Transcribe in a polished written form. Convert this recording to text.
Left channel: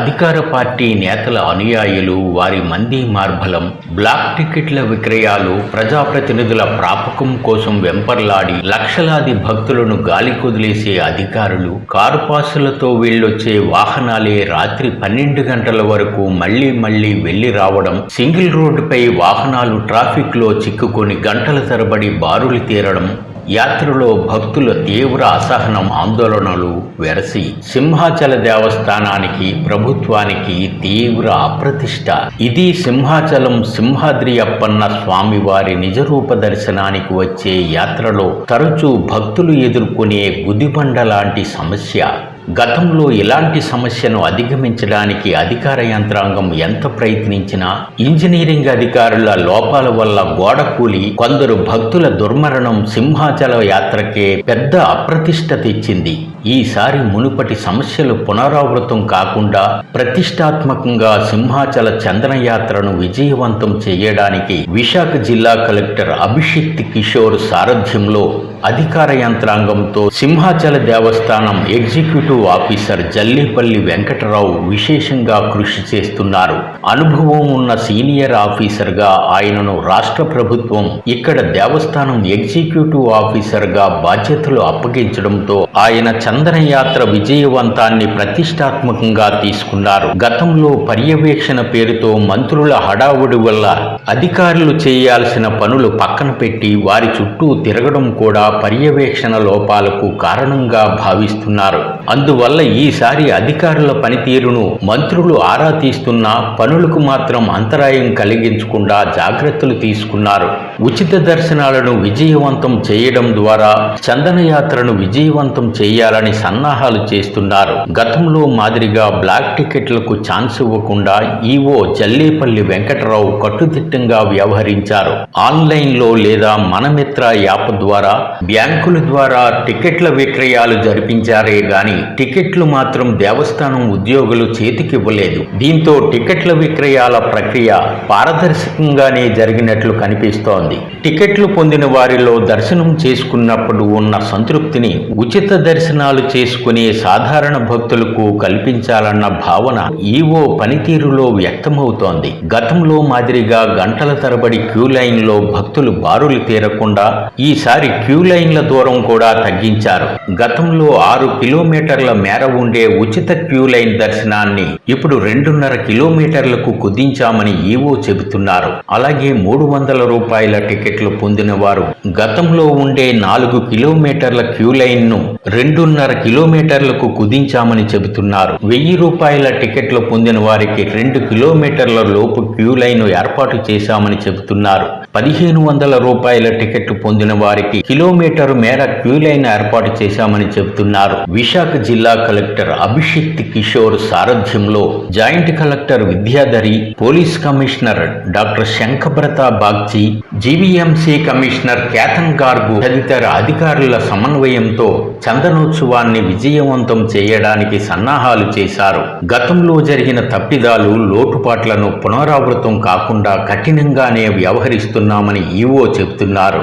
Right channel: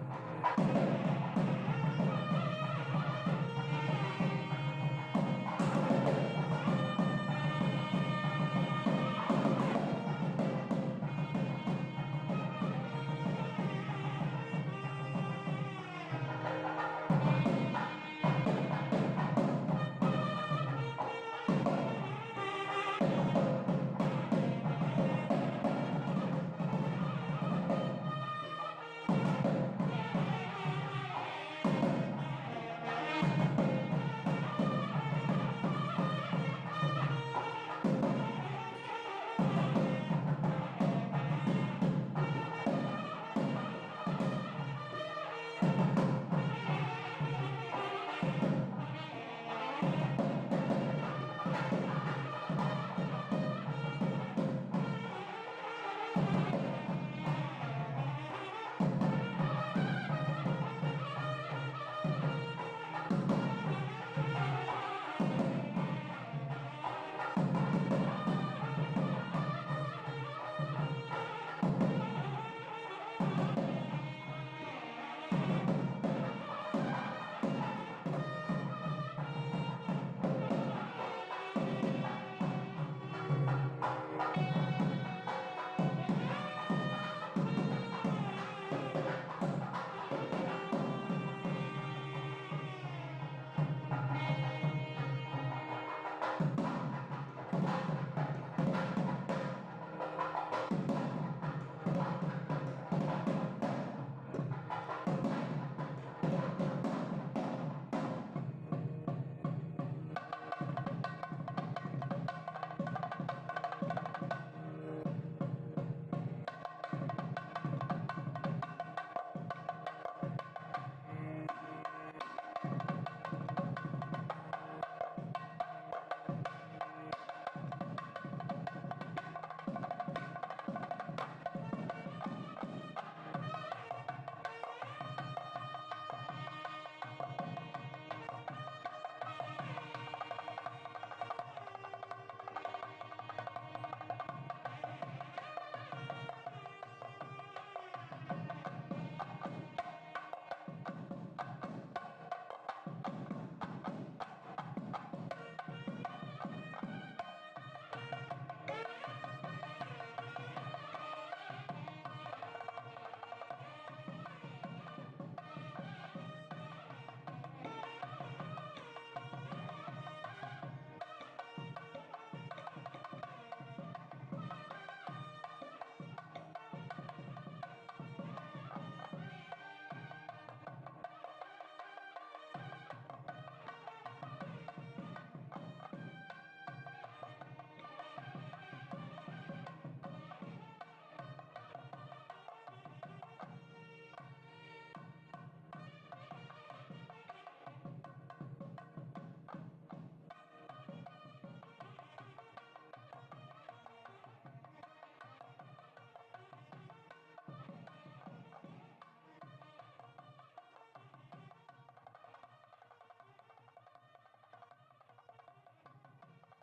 అధికార పార్టీ నేతల అనుయాయులు, వారి మంది మార్బలం, బ్లాక్ టికెట్ల విక్రయాలు, ప్రజాప్రతినిధుల ప్రాపకం కోసం వెంపర్లాడి లక్షలాది భక్తులను గాలికొదిలేసే అధికారులు, కారు పాసులతో వీళ్ళొచ్చే వాహనాలే రాత్రి 12 గంటల వరకు మళ్లీ వెళ్లి రావడం, సింగిల్ రోడ్డుపై వాహనాలు ట్రాఫిక్లో చిక్కుకొని గంటల తరబడి బారులు తీరడం, యాత్రలో భక్తుల తీవ్ర అసహనం, ఆందోళనలు వెరసి సింహాచల దేవస్థానానికి, ప్రభుత్వానికి తీవ్ర అప్రతిష్ట. ఇది సింహాచలం సింహాద్రి అప్పన్న స్వామివారి నిజరూప దర్శనానికి వచ్చే యాత్రలో తరచూ భక్తులు ఎదుర్కొనే గుదిబండ లాంటి సమస్య. గతంలో ఇలాంటి సమస్యను అధిగమించడానికి అధికార యంత్రాంగం ఎంత ప్రయత్నించినా ఇంజనీరింగ్ అధికారుల లోపాల వల్ల గోడ కూలి కొందరు భక్తుల దుర్మరణం సింహాచల యాత్రకే పెద్ద అప్రతిష్ట తెచ్చింది. ఈసారి మునుపటి సమస్యలు పునరావృతం కాకుండా ప్రతిష్టాత్మకంగా సింహాచల చందనయాత్రను విజయవంతం చేయడానికి విశాఖ జిల్లా కలెక్టర్ అభిషిక్త్ కిషోర్ సారథ్యంలో అధికార యంత్రాంగంతో సింహాచల దేవస్థానం ఎగ్జిక్యూటివ్ ఆఫీసర్ జల్లేపల్లి వెంకటరావు విశేషంగా కృషి చేస్తున్నారు. అనుభవం ఉన్న సీనియర్ ఆఫీసర్గా ఆయనను రాష్ట్ర ప్రభుత్వం ఇక్కడ దేవస్థానం ఎగ్జిక్యూటివ్ ఆఫీసర్గా బాధ్యతలు అప్పగించడంతో ఆయన చందనయాత్ర విజయవంతాన్ని ప్రతిష్టాత్మకంగా తీసుకున్నారు. గతంలో పర్యవేక్షణ పేరుతో మంత్రుల హడావుడి వల్ల అధికారులు చేయాల్సిన పనులు పక్కన పెట్టి వారి చుట్టూ తిరగడం కూడా పర్యవేక్షణ లోపాలకు కారణంగా భావిస్తున్నారు. అందువల్ల ఈసారి అధికారుల పనితీరును మంత్రులు ఆరా తీస్తున్నా పనులకు మాత్రం అంతరాయం కలిగించకుండా జాగ్రత్తలు తీసుకున్నారు. ఉచిత దర్శనాలను విజయవంతం చేయడం ద్వారా చందనయాత్రను విజయవంతం చేయాలని సన్నాహాలు చేస్తున్నారు. గతంలో మాదిరిగా బ్లాక్ టికెట్లకు ఛాన్స్ ఇవ్వకుండా ఈవో జల్లేపల్లి వెంకటరావు కట్టుదిట్టంగా వ్యవహరించారు. ఆన్లైన్లో లేదా మనమిత్ర యాప్ ద్వారా, బ్యాంకుల ద్వారా టికెట్ల విక్రయాలు జరిపించారే గాని టికెట్లు మాత్రం దేవస్థానం ఉద్యోగులు చేతికివ్వలేదు. దీంతో టికెట్ల విక్రయాల ప్రక్రియ పారదర్శకంగానే జరిగినట్లు కనిపిస్తోంది. టికెట్లు పొందిన వారిలో దర్శనం చేసుకున్నప్పుడు ఉన్న సంతృప్తిని ఉచిత దర్శనాలు చేసుకునే సాధారణ భక్తులకు కల్పించాలన్న భావన ఈవో పనితీరులో వ్యక్తమవుతోంది. గతంలో మాదిరిగా గంటల తరబడి క్యూ లైన్లో భక్తులు బారులు తీరకుండా ఈసారి క్యూ లైన్ల దూరం కూడా తగ్గించారు. గతంలో 6 కిలోమీటర్ల మేర ఉండే ఉచిత క్యూ లైన్ దర్శనాన్ని ఇప్పుడు 2.5 కిలోమీటర్లకు కుదించామని ఈవో చెబుతున్నారు. అలాగే 300 రూపాయల టికెట్లు పొందిన వారు గతంలో ఉండే 4 కిలోమీటర్ల క్యూ లైన్ ను 2.5 కిలోమీటర్లకు కుదించామని చెబుతున్నారు. 1000 రూపాయల టికెట్లు పొందిన వారికి 2 కిలోమీటర్ల లోపు క్యూ లైన్ ఏర్పాటు చేశామని చెబుతున్నారు. 1500 రూపాయల టికెట్లు పొందిన వారికి కిలోమీటరు మేర క్యూ లైన్ ఏర్పాటు చేశామని చెబుతున్నారు. విశాఖ జిల్లా కలెక్టర్ అభిషిక్త్ కిషోర్ సారథ్యంలో joint collector Vidyadhari, police commissioner doctor Shankhabrata Bagchi, GVMC commissioner Ketan Garg తదితర అధికారుల సమన్వయంతో చందనోత్సవాన్ని విజయవంతం చేయడానికి సన్నాహాలు చేశారు. గతంలో జరిగిన తప్పిదాలు, లోటుపాట్లను పునరావృతం కాకుండా కఠినంగానే వ్యవహరిస్తున్నామని ఈవో చెబుతున్నారు.